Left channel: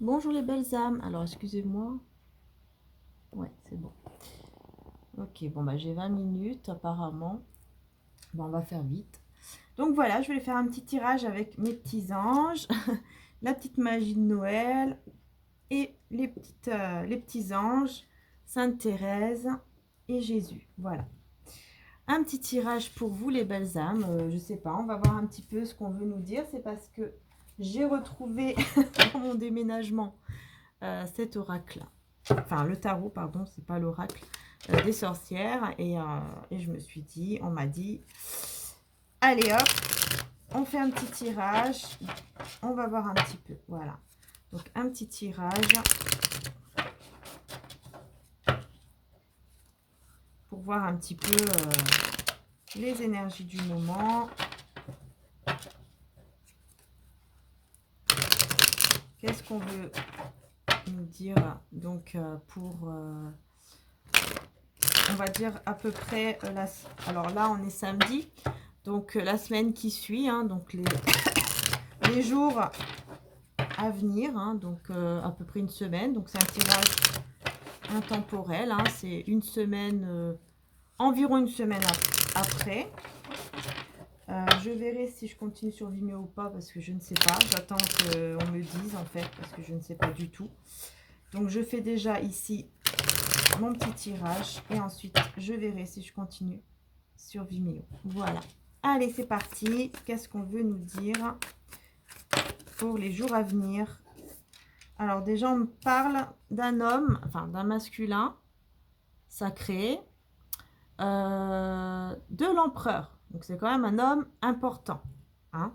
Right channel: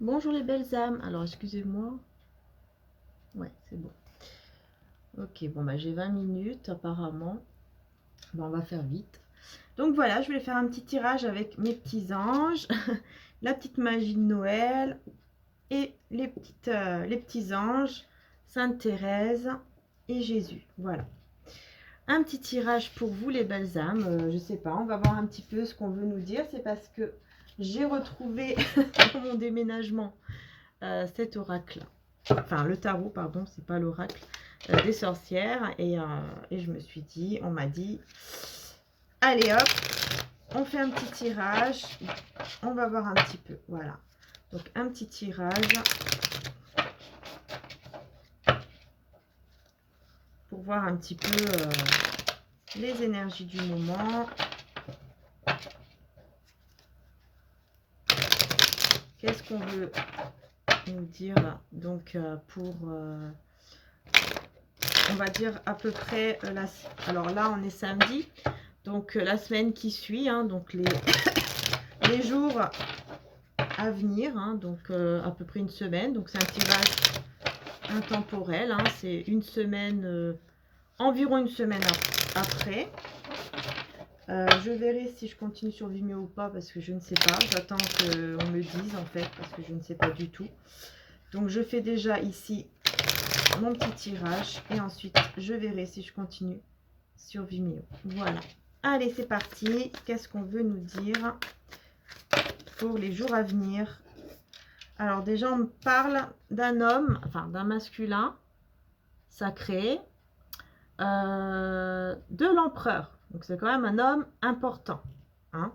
Bonjour les belles âmes. Alors, excusez-moi. Ouais, c'est bon. Ok, bon, bah j'ai 20 minutes apparemment. Bon, on va faire vite. Donc voilà, je voulais faire un petit tirage avec mes petits anges, la petite magie de Noël et les petits anges, Sainte Thérèse et Jésus. Voilà. Un petit tirage pour vous les belles âmes. Je sais pas, on va voir un petit peu ce qu'on veut nous dire. C'est parce que j'ai retrouvé dans mon déménagement cet oracle. Enfin, le tarot, pardon, c'est pas l'oracle des sorcières. Et je me suis dit, on m'a dit, allez hop, on fait un petit tirage. On va voir un petit peu. Voilà. Donc, un petit tirage pour voir un petit peu les énergies du moment. Qu'est-ce qu'on veut nous dire donc pour on va dire à peu près alors là on est samedi, donc la semaine qui suit, hein, donc les jours à venir, hein, donc à peu près une semaine. Donc c'est un tirage intemporel, hein, c'est une semaine, environ une semaine après. Je verrai si je continue sur Vimeo ou pas, parce que je ne sais pas. J'attends qu'on me dise en fait, parce que je ne sais pas du tout. Donc je fais déjà ici mon petit tirage et ensuite je verrai si je continue sur Vimeo. Voilà. Allez, c'est parti. Qu'est-ce qu'on veut nous dire pour les jours à venir? Alors déjà, on me parle d'un homme, enfin d'un masculin sacré, de l'empereur. Donc c'est quand même un homme important, hein.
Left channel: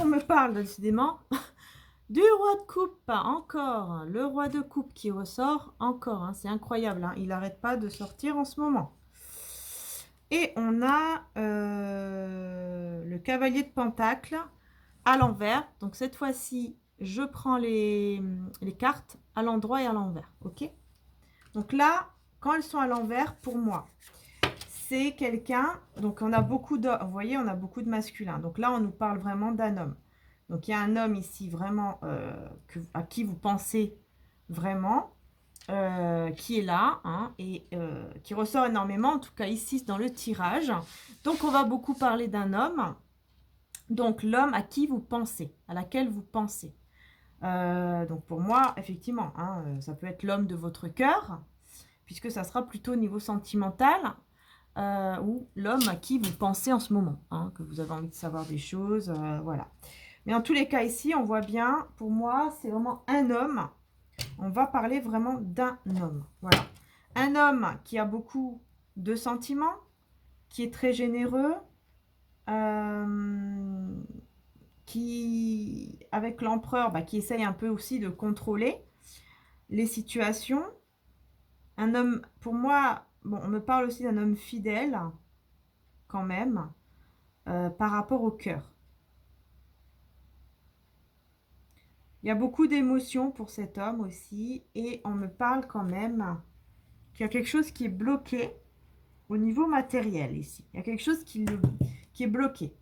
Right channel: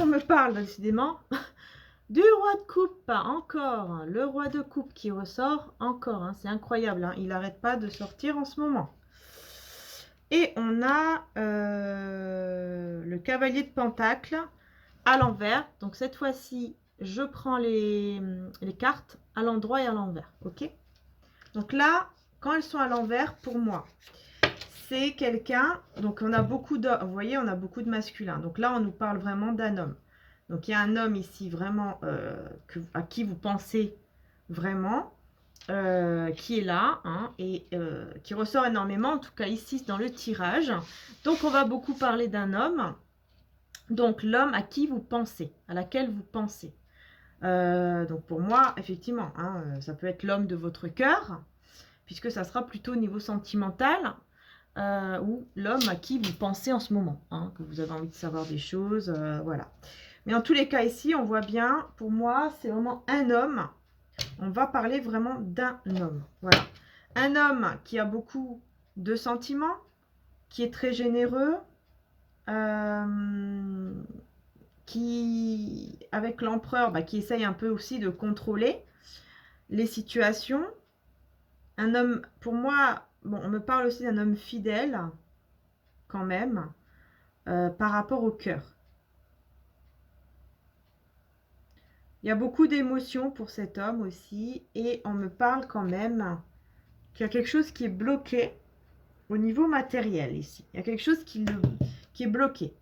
On me parle décidément du roi de coupe, encore. Le roi de coupe qui ressort encore, hein. C'est incroyable, hein. Il n'arrête pas de sortir en ce moment. Et on a le cavalier de pentacle à l'envers. Donc cette fois-ci, je prends les cartes à l'endroit et à l'envers. Ok. Donc là, quand elles sont à l'envers, pour moi, c'est quelqu'un. Donc on a beaucoup de, vous voyez, on a beaucoup de masculins. Donc là, on nous parle vraiment d'un homme. Donc il y a un homme ici vraiment à qui vous pensez vraiment, qui est là, hein, et qui ressort énormément, en tout cas ici dans le tirage. Donc on va beaucoup parler d'un homme. Donc l'homme à qui vous pensez, à laquelle vous pensez. Donc pour moi, effectivement, hein, ça peut être l'homme de votre cœur, puisque ça sera plutôt au niveau sentimental, ou l'homme à qui vous pensez en ce moment, hein, que vous avez envie de savoir des choses, voilà. Mais en tous les cas ici, on voit bien, pour moi, c'est vraiment un homme. On va parler vraiment d'un homme, voilà. Un homme qui a beaucoup de sentiments, qui est très généreux, qui, avec l'empereur, qui essaye un peu aussi de contrôler les situations. Un homme, pour moi, bon, on me parle aussi d'un homme fidèle, quand même, par rapport au cœur. Il y a beaucoup d'émotions pour cet homme aussi, et on me parle quand même qu'il y a quelque chose qui est bloqué au niveau matériel ici. Il y a quelque chose qui est bloqué.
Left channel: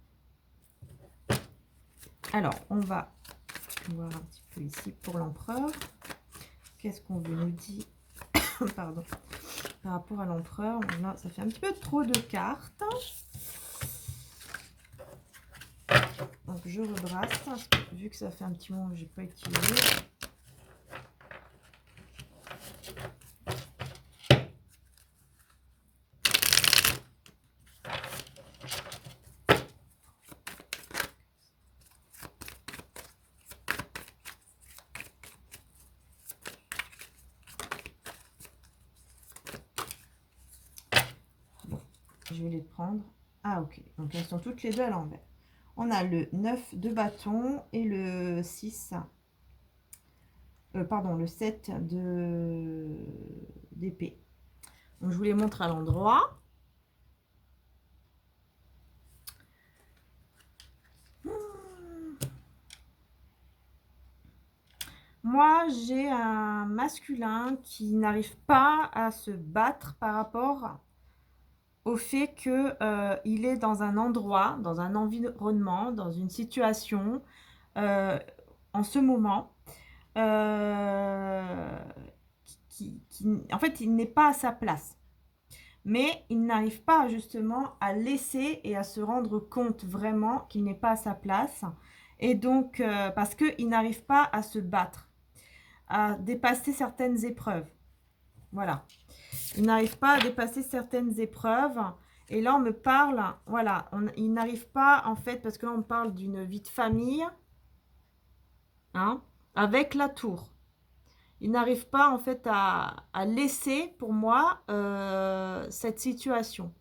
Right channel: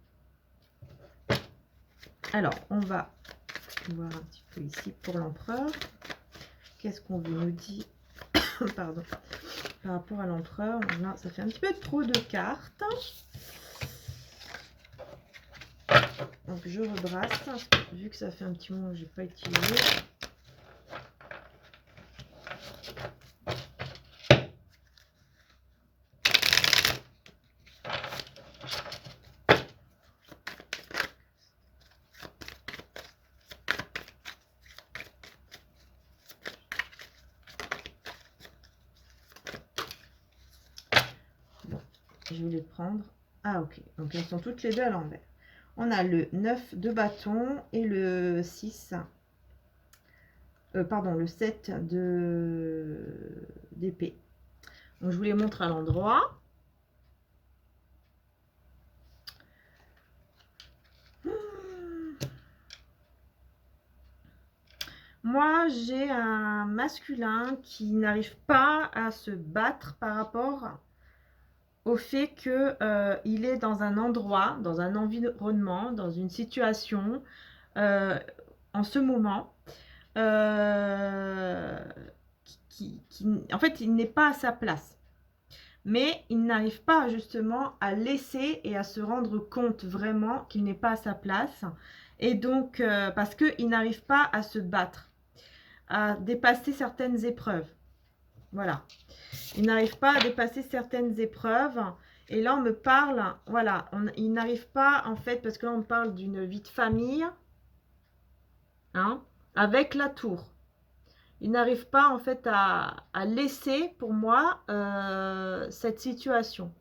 Alors, on va voir un petit peu ici pour l'empereur. Qu'est-ce qu'on veut nous dire pardon, par rapport à l'empereur? Là, ça fait un petit peu trop de cartes. Donc, je rebrasse, parce que, vu que ça fait un petit moment que je n'ai pas utilisé. Bon, je vais les prendre. Ah, ok. Donc, elles sont toutes les deux à l'envers. On a le 9 de bâton et le 6. Pardon, le 7 d'épée. Donc, je vous les montre à l'endroit. Moi, j'ai un masculin qui n'arrive pas à se battre par rapport au fait que il est dans un endroit, dans un environnement, dans une situation, en ce moment, euh, en fait, il n'est pas à sa place. Mais il n'arrive pas justement à laisser et à se rendre compte vraiment qu'il n'est pas à sa place. Et donc, parce qu'il n'arrive pas à se battre, à dépasser certaines épreuves. Voilà. Il n'arrive pas à dépasser certaines épreuves. Et là, on me parle, voilà, il n'arrive pas, en fait, parce que là, on parle d'une vie de famille, hein, avec la tour. Il n'arrive pas, en fait, à laisser, pour moi, cette situation,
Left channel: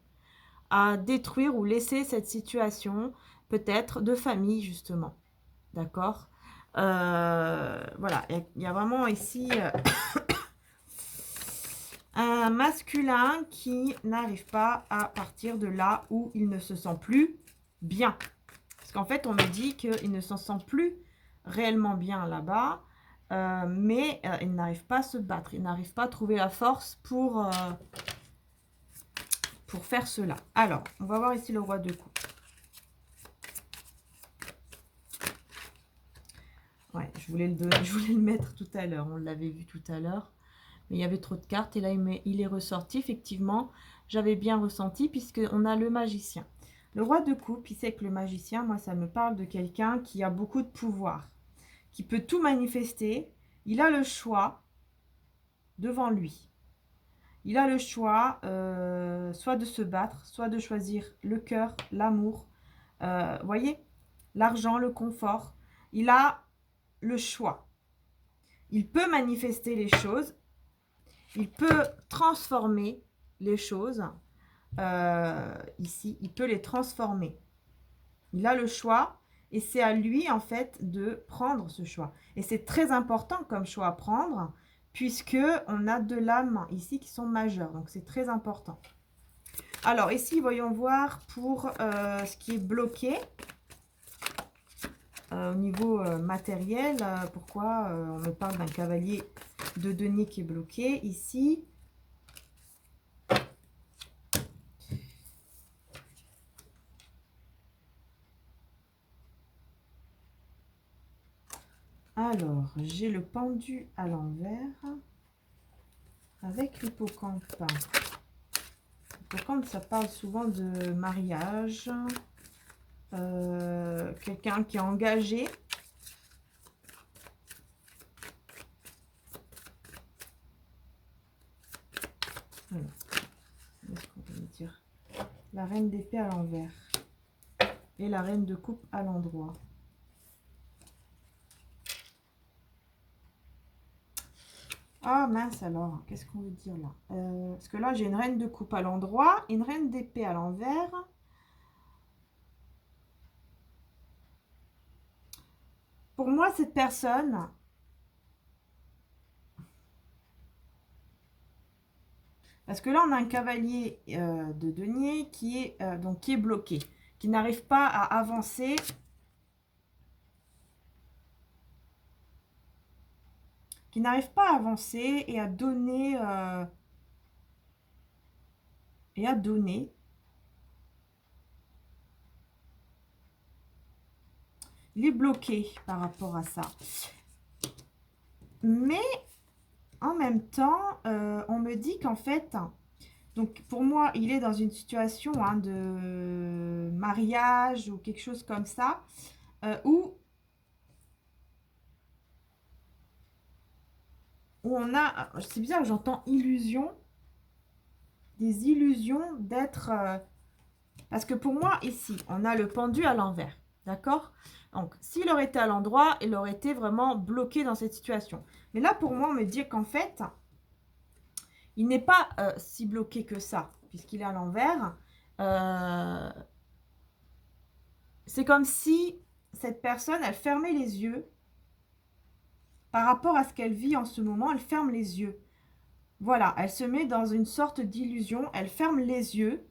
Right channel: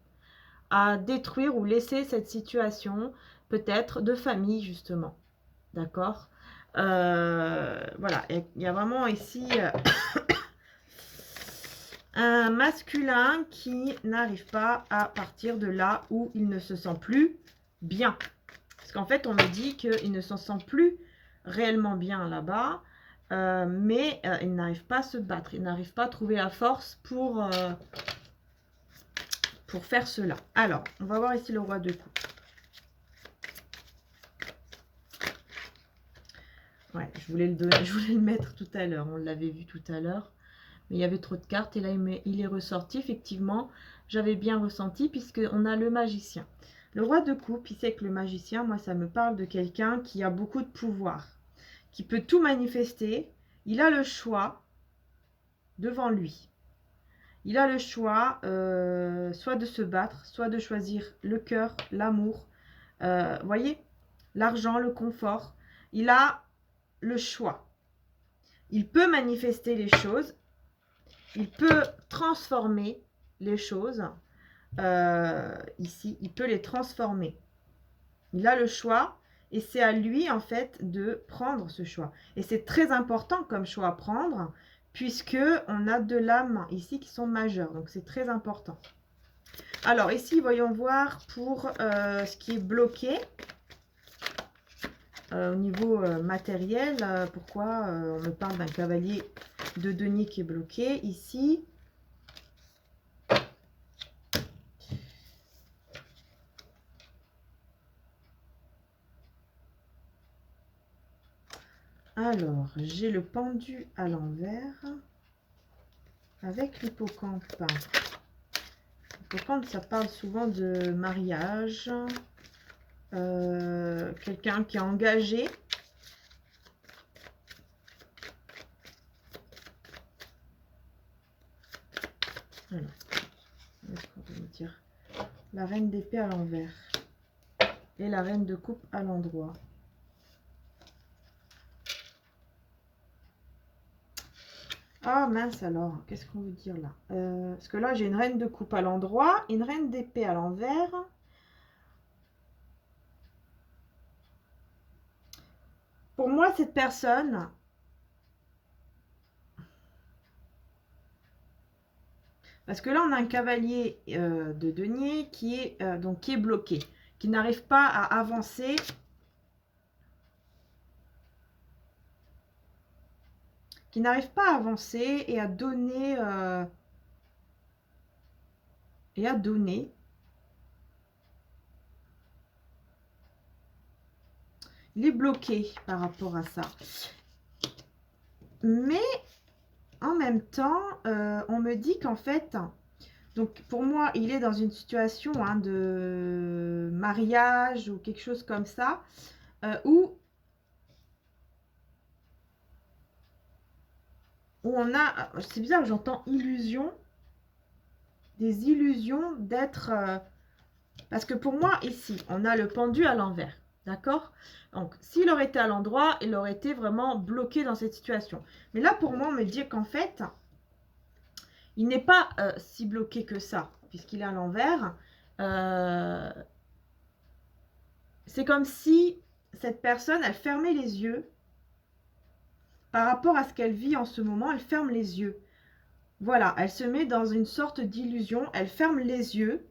à détruire ou laisser cette situation, peut-être, de famille, justement. D'accord. Voilà, il y a vraiment ici un masculin qui n'arrive pas à partir de là où il ne se sent plus bien. Parce qu'en fait, on me dit qu'il ne s'en sent plus réellement bien là-bas, mais il n'arrive pas à se battre, il n'arrive pas à trouver la force pour faire cela. Alors, on va voir ici le roi de coupe. Ouais, je voulais le mettre tout à l'heure, on l'avait vu tout à l'heure. Mais il y avait trop de cartes et là il est ressorti. Effectivement, j'avais bien ressenti puisqu'on a le magicien. Le roi de coupe, il sait que le magicien, moi ça me parle de quelqu'un qui a beaucoup de pouvoir, qui peut tout manifester. Il a le choix devant lui. Il a le choix soit de se battre, soit de choisir le cœur, l'amour, voyez, l'argent, le confort. Il a le choix. Il peut manifester les choses. Il peut transformer les choses. Ici, il peut les transformer. Il a le choix et c'est à lui, en fait, de prendre ce choix. Et c'est très important comme choix à prendre puisque on a deux lames ici qui sont majeures. Donc, c'est très important. Alors, ici, voyons voir pour ce qui est bloqué. Au niveau matériel, pourquoi on me parle d'un cavalier de denier qui est bloqué ici. Alors, j'ai le pendu à l'envers avec l'hippocampe. L'hippocampe, ça parle souvent de mariage, quelqu'un qui est engagé. Alors, qu'est-ce qu'on peut dire? La reine d'épée à l'envers et la reine de coupe à l'endroit. Ah mince alors, qu'est-ce qu'on veut dire là? Parce que là, j'ai une reine de coupe à l'endroit, une reine d'épée à l'envers. Pour moi, cette personne, parce que là, on a un cavalier de denier qui est, donc, qui est bloqué, qui n'arrive pas à avancer. Qui n'arrive pas à avancer et à donner. Il est bloqué par rapport à ça. Mais en même temps, on me dit qu'en fait, donc pour moi, il est dans une situation de mariage ou quelque chose comme ça, où on a, c'est bizarre, j'entends illusion, des illusions d'être, parce que pour moi, ici, on a le pendu à l'envers, d'accord? Donc, s'il aurait été à l'endroit, il aurait été vraiment bloqué dans cette situation. Mais là, pour moi, on me dit qu'en fait, il n'est pas si bloqué que ça, puisqu'il est à l'envers. C'est comme si cette personne, elle fermait les yeux par rapport à ce qu'elle vit en ce moment. Elle ferme les yeux. Voilà, elle se met dans une sorte d'illusion. Elle ferme les yeux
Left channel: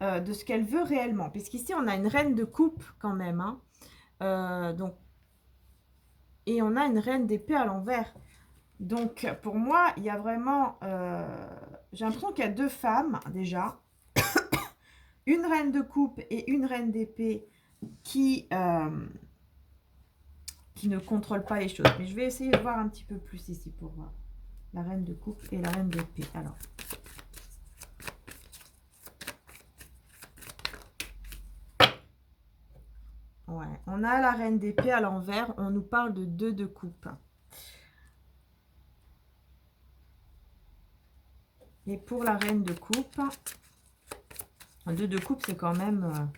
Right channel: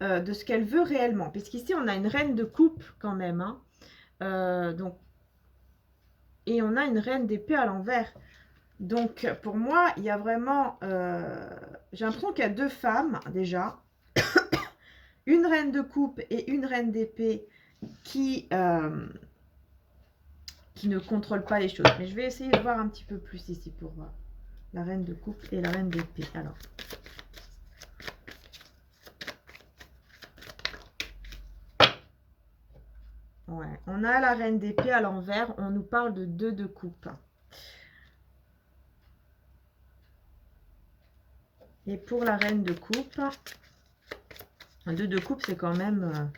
de ce qu'elle veut réellement. Puisqu'ici, on a une reine de coupe quand même. Donc, et on a une reine d'épée à l'envers. Donc, pour moi, il y a vraiment... j'ai l'impression qu'il y a deux femmes, déjà. une reine de coupe et une reine d'épée qui ne contrôlent pas les choses. Mais je vais essayer de voir un petit peu plus ici pour voir. La reine de coupe et la reine d'épée. Alors. Ouais, on a la reine d'épée à l'envers. On nous parle de 2 de coupe. Et pour la reine de coupe, 2 de coupe, c'est quand même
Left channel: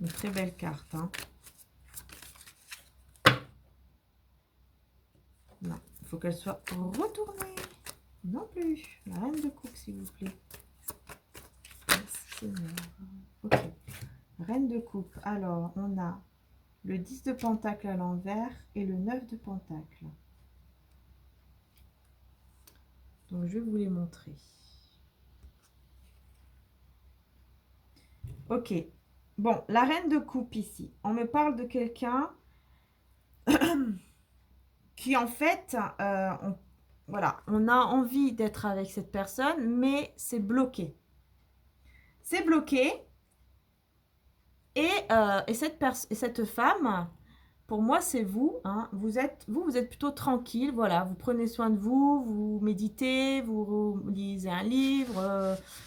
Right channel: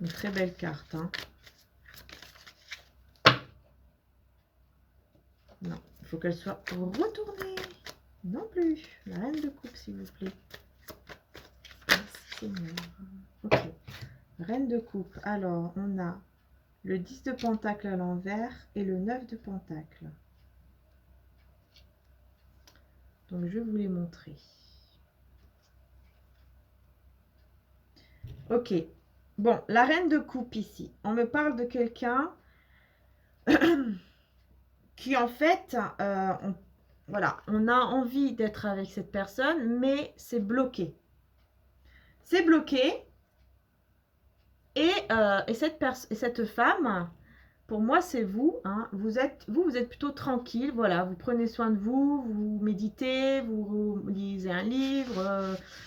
une très belle carte. Hein. Non, il faut qu'elle soit retournée. Non plus. La reine de coupe, s'il vous plaît. Merci Seigneur. Ok. Reine de coupe. Alors, on a le 10 de pentacle à l'envers et le 9 de pentacle. Donc, je vais vous les montrer. Ok. Bon, la reine de coupe ici. On me parle de quelqu'un qui, en fait, voilà, on a envie d'être avec cette personne, mais c'est bloqué. C'est bloqué. Et cette femme, pour moi, c'est vous. Hein. Vous êtes plutôt tranquille. Voilà, vous prenez soin de vous, vous méditez, vous lisez un livre.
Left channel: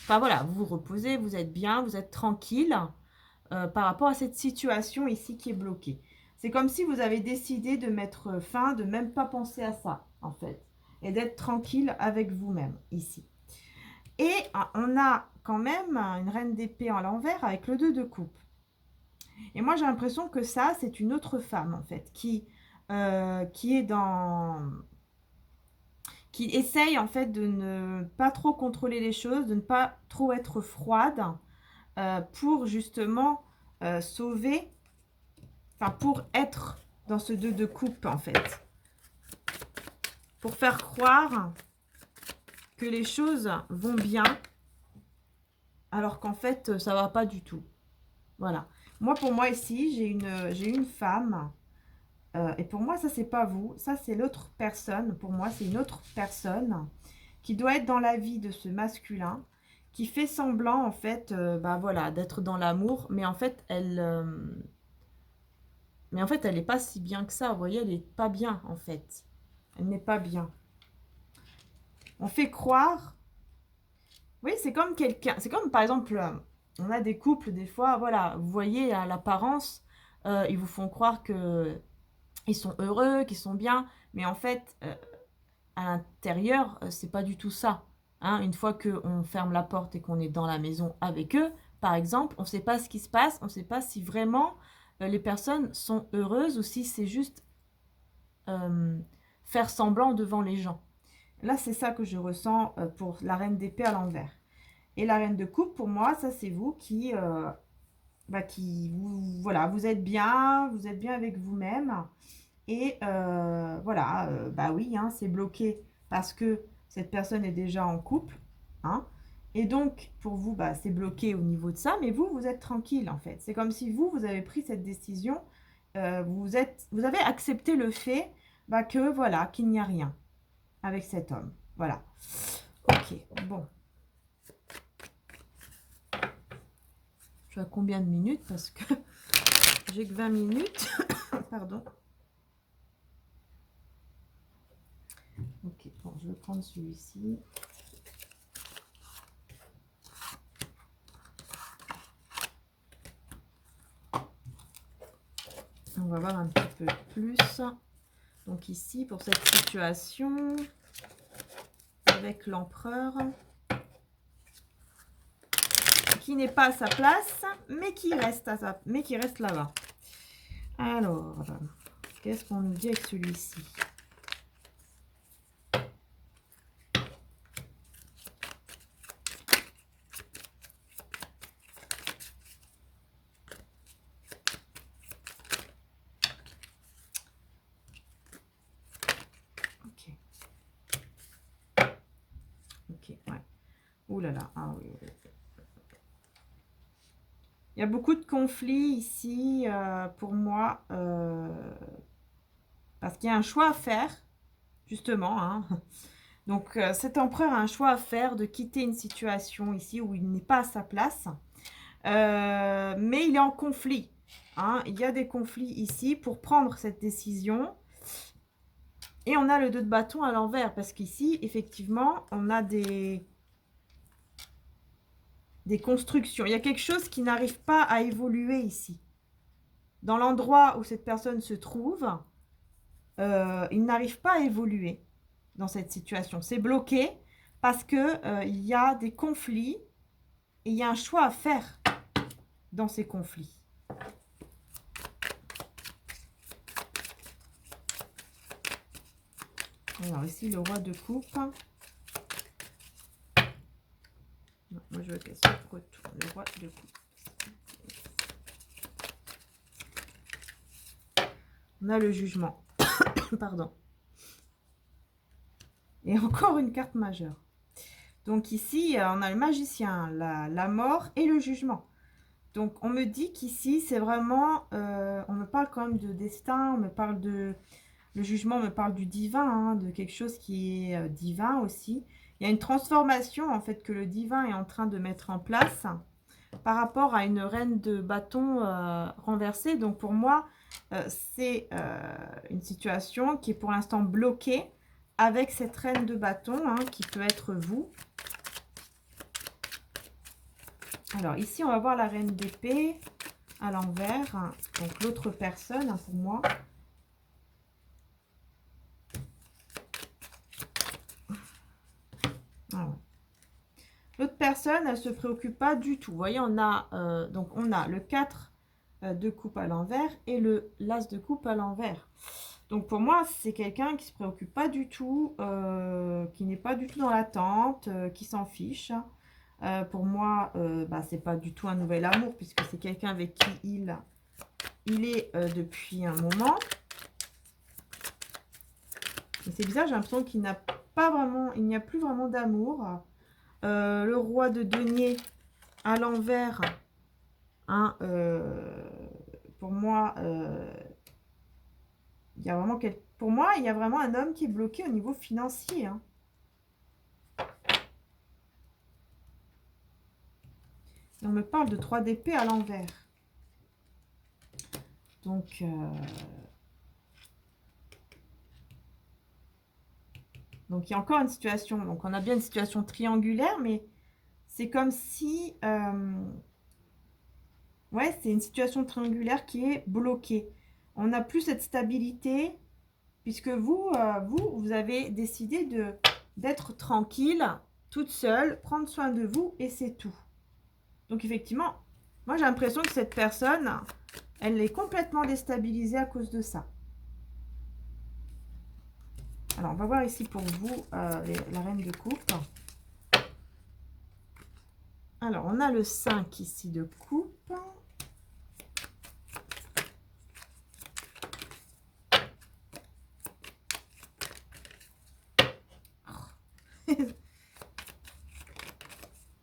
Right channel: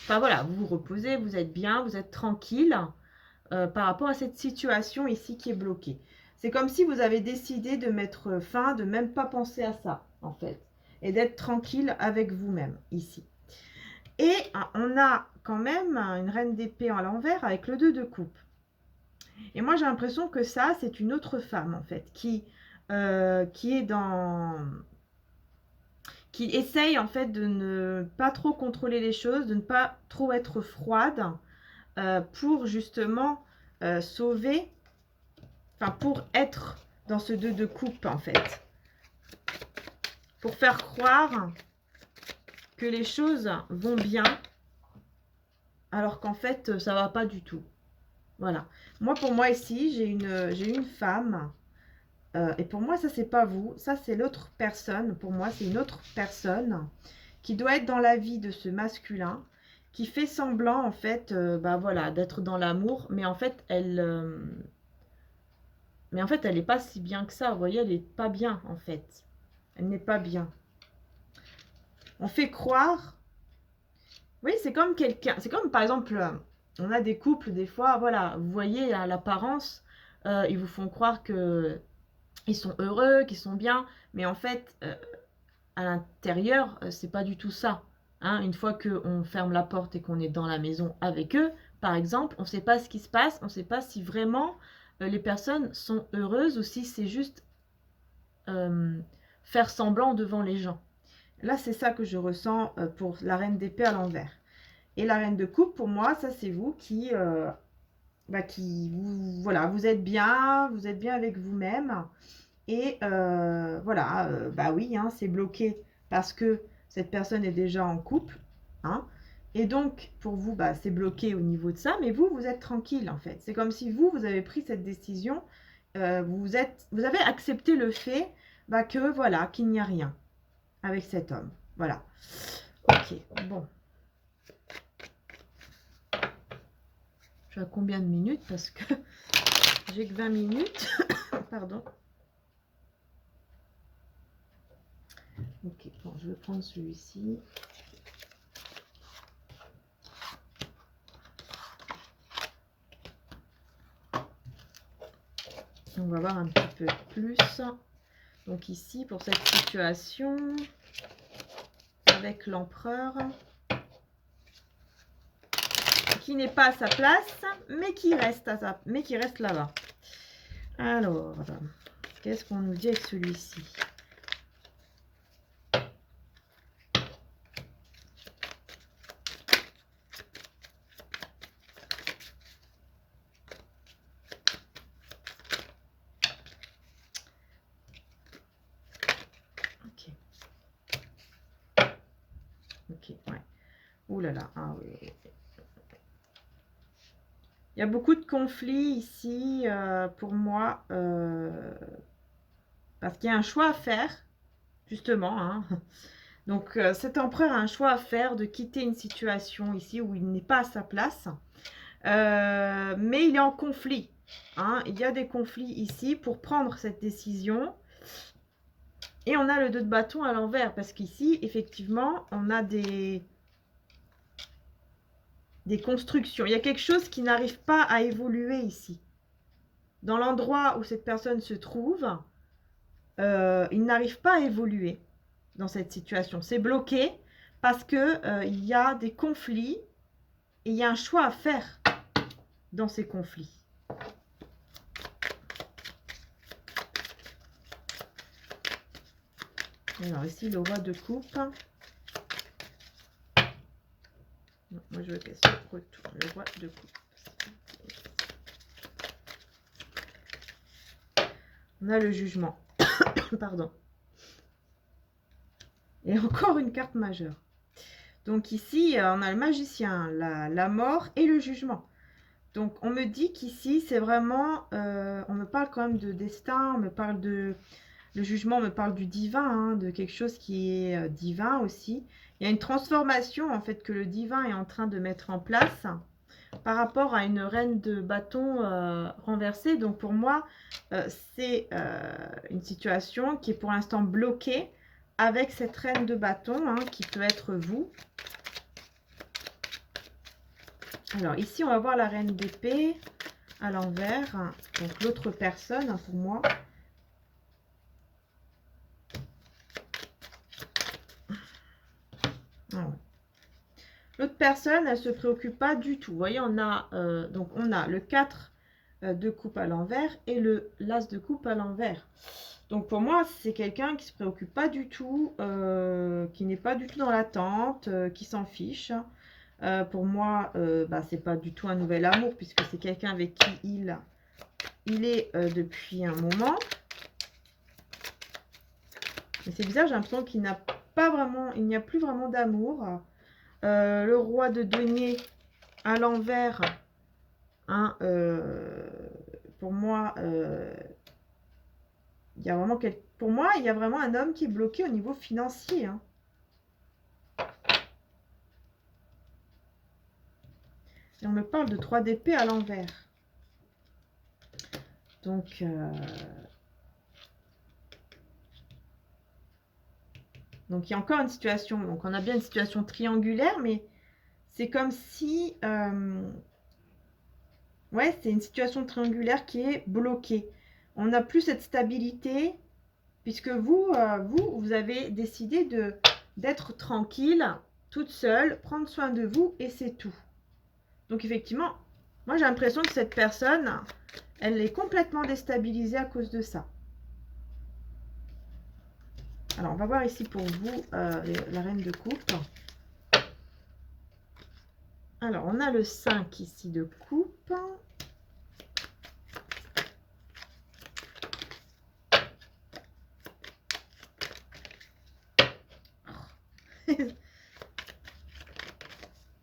Enfin voilà, vous vous reposez, vous êtes bien, vous êtes tranquille par rapport à cette situation ici qui est bloquée. C'est comme si vous avez décidé de mettre fin, de même pas penser à ça, en fait. Et d'être tranquille avec vous-même, ici. Et on a quand même une reine d'épée à l'envers avec le 2 de coupe. Et moi, j'ai l'impression que ça, c'est une autre femme, en fait, qui est dans... qui essaye, en fait, de ne pas trop contrôler les choses, de ne pas trop être froide, pour justement sauver, enfin, pour être dans ce 2 de coupe, en fait. Pour faire croire que les choses vont bien, alors qu'en fait, ça va pas du tout. Voilà. Moi, pour moi, ici, j'ai une femme... et pour moi, ça, c'est pas vous. Ça, c'est l'autre personne. Pour moi, c'est une autre personne qui doit être dans la vie de ce masculin, qui fait semblant, en fait, bah voilà, d'être dans l'amour. Mais en fait, elle n'est pas si bien que ça. Vous voyez, elle n'est pas bien, en fait. Elle n'est pas bien. On fait croire... Oui, c'est comme quelqu'un... C'est comme, par exemple, on a des couples, des fois, voilà, vous voyez, à l'apparence, ils vous font croire que... ils sont heureux, qu'ils sont bien, mais en fait, à l'intérieur, c'est pas du tout ça. Hein. Une fois qu'on ferme la porte et qu'on est dans la maison avec eux, par exemple, on ne sait pas ce qui se passe, on ne sait pas si vraiment les personnes sont heureuses ou si c'est juste faire semblant devant les gens. Là, c'est ça que je ressens pour la reine d'épée à l'envers. Et la reine de coupe, pour moi, ça c'est vous qui voilà, vous êtes bien avec vous-même. Et voilà, bah oui, hein, c'est bloqué parce que cette personne est déjà en couple. Hein, et donc, pour vous, bah, c'est bloqué au niveau de ça. Mais vous, vous êtes tranquille, en fait. C'est comme si vous avez pris cette décision. Vous avez accepté le fait bah, que, voilà, qu'il n'y a rien avec cet homme. Voilà. Ok, bon. Je suis à combien de minutes? Parce que j'ai que 20 minutes. Pardon. Ok, bon, je vais prendre celui-ci. On va voir un petit peu plus. Donc ici, pour cette situation, avec l'empereur, qui n'est pas à sa place, mais qui reste là-bas. Alors, qu'est-ce qu'on nous dit avec celui-ci? Ok, ouais. Ouh là là, ah oui, oui. Il y a beaucoup de conflits ici pour moi, parce qu'il y a un choix à faire, justement. Hein. Donc, cet empereur a un choix à faire de quitter une situation ici où il n'est pas à sa place. Mais il est en conflit. Hein. Il y a des conflits ici pour prendre cette décision. Et on a le 2 de bâton à l'envers. Parce qu'ici, effectivement, on a des constructions. Il y a quelque chose qui n'arrive pas à évoluer ici. Dans l'endroit où cette personne se trouve, il n'arrive pas à évoluer dans cette situation. C'est bloqué parce que il y a des conflits et il y a un choix à faire dans ces conflits. Alors ici, le roi de coupe. Non, moi, je veux qu'elle se retourne. Le roi de coupe. On a le jugement. Pardon. Et encore une carte majeure. Donc ici, on a le magicien, la mort et le jugement. Donc on me dit qu'ici, c'est vraiment... on me parle quand même de destin, on me parle de... Le jugement me parle du divin, hein, de quelque chose qui est divin aussi. Il y a une transformation en fait que le divin est en train de mettre en place par rapport à une reine de bâton renversée. Donc pour moi, c'est une situation qui est pour l'instant bloquée avec cette reine de bâton, hein, qui peut être vous. Alors ici, on va voir la reine d'épée à l'envers, hein, donc l'autre personne, hein, pour moi. L'autre personne, elle se préoccupe pas du tout. Vous voyez, on a donc on a le 4 de coupe à l'envers et le l'as de coupe à l'envers. Donc pour moi, c'est quelqu'un qui se préoccupe pas du tout, qui n'est pas du tout dans l'attente, qui s'en fiche. Pour moi, bah, c'est pas du tout un nouvel amour puisque c'est quelqu'un avec qui il est depuis un moment. Mais c'est bizarre, j'ai l'impression qu'il n'a pas vraiment, il n'y a plus vraiment d'amour. Le roi de denier à l'envers, hein, pour moi, il y a vraiment pour moi, il y a vraiment un homme qui est bloqué au niveau financier. Hein. Et on me parle de 3 d'épée à l'envers. Donc, il y a encore une situation. Donc, on a bien une situation triangulaire, mais c'est comme si... ouais, c'est une situation triangulaire qui est bloquée. On n'a plus cette stabilité, puisque vous avez décidé d'être tranquille, toute seule, prendre soin de vous, et c'est tout. Donc, effectivement, moi, j'ai l'impression que cette personne, elle est complètement déstabilisée à cause de ça. Alors, on va voir ici pour vous la reine de coupe. Alors, on a le 5 ici de coupe.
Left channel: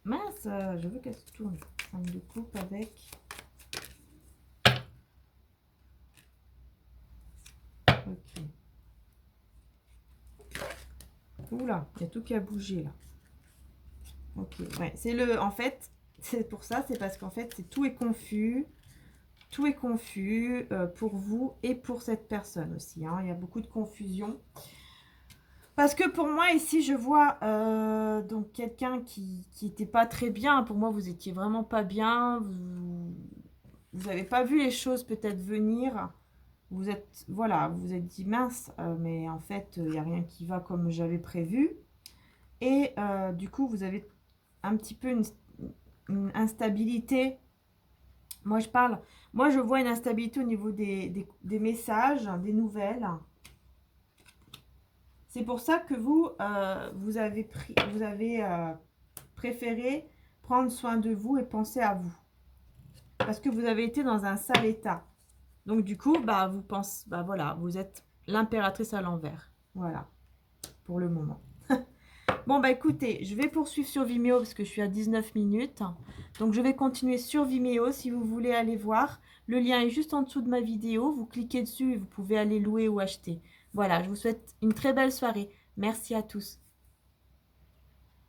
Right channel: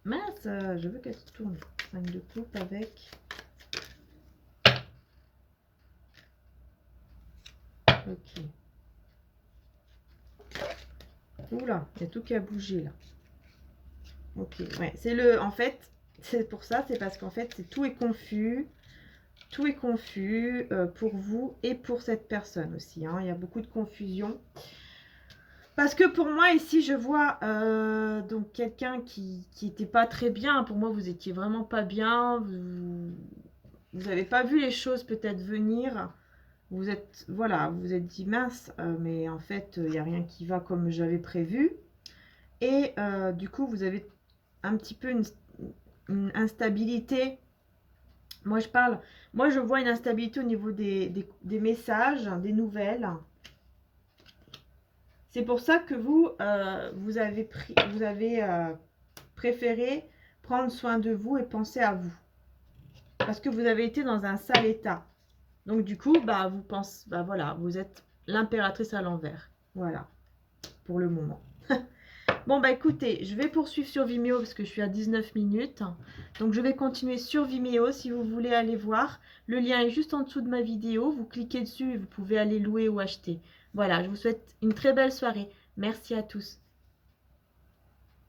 Mince, je veux qu'elle se tourne. 5 de coupe avec... Ok. Oula, il y a tout qui a bougé là. Ok, ouais, c'est le... En fait, c'est pour ça, c'est parce qu'en fait, tout est confus. Tout est confus pour vous et pour cette personne aussi. Hein. Il y a beaucoup de confusion. Parce que pour moi, ici, je vois donc quelqu'un qui n'était pas très bien. Pour moi, vous étiez vraiment pas bien. Vous n'avez pas vu les choses peut-être venir. Vous êtes, voilà, vous êtes dit mince, mais en fait, il n'y a rien qui va comme j'avais prévu. Et du coup, vous avez un petit peu une instabilité. Moi, je vois une instabilité au niveau des messages, des nouvelles. C'est pour ça que vous avez préféré prendre soin de vous et penser à vous. Parce que vous avez été dans un sale état. Donc du coup, bah, voilà, vous êtes l'impératrice à l'envers. Voilà, pour le moment. Bon, bah écoutez, je vais poursuivre sur Vimeo parce que je suis à 19 minutes. Donc je vais continuer sur Vimeo si vous voulez aller voir. Le lien est juste en dessous de ma vidéo. Vous cliquez dessus et vous pouvez aller louer ou acheter. Voilà, je vous souhaite une très belle soirée. Merci à tous.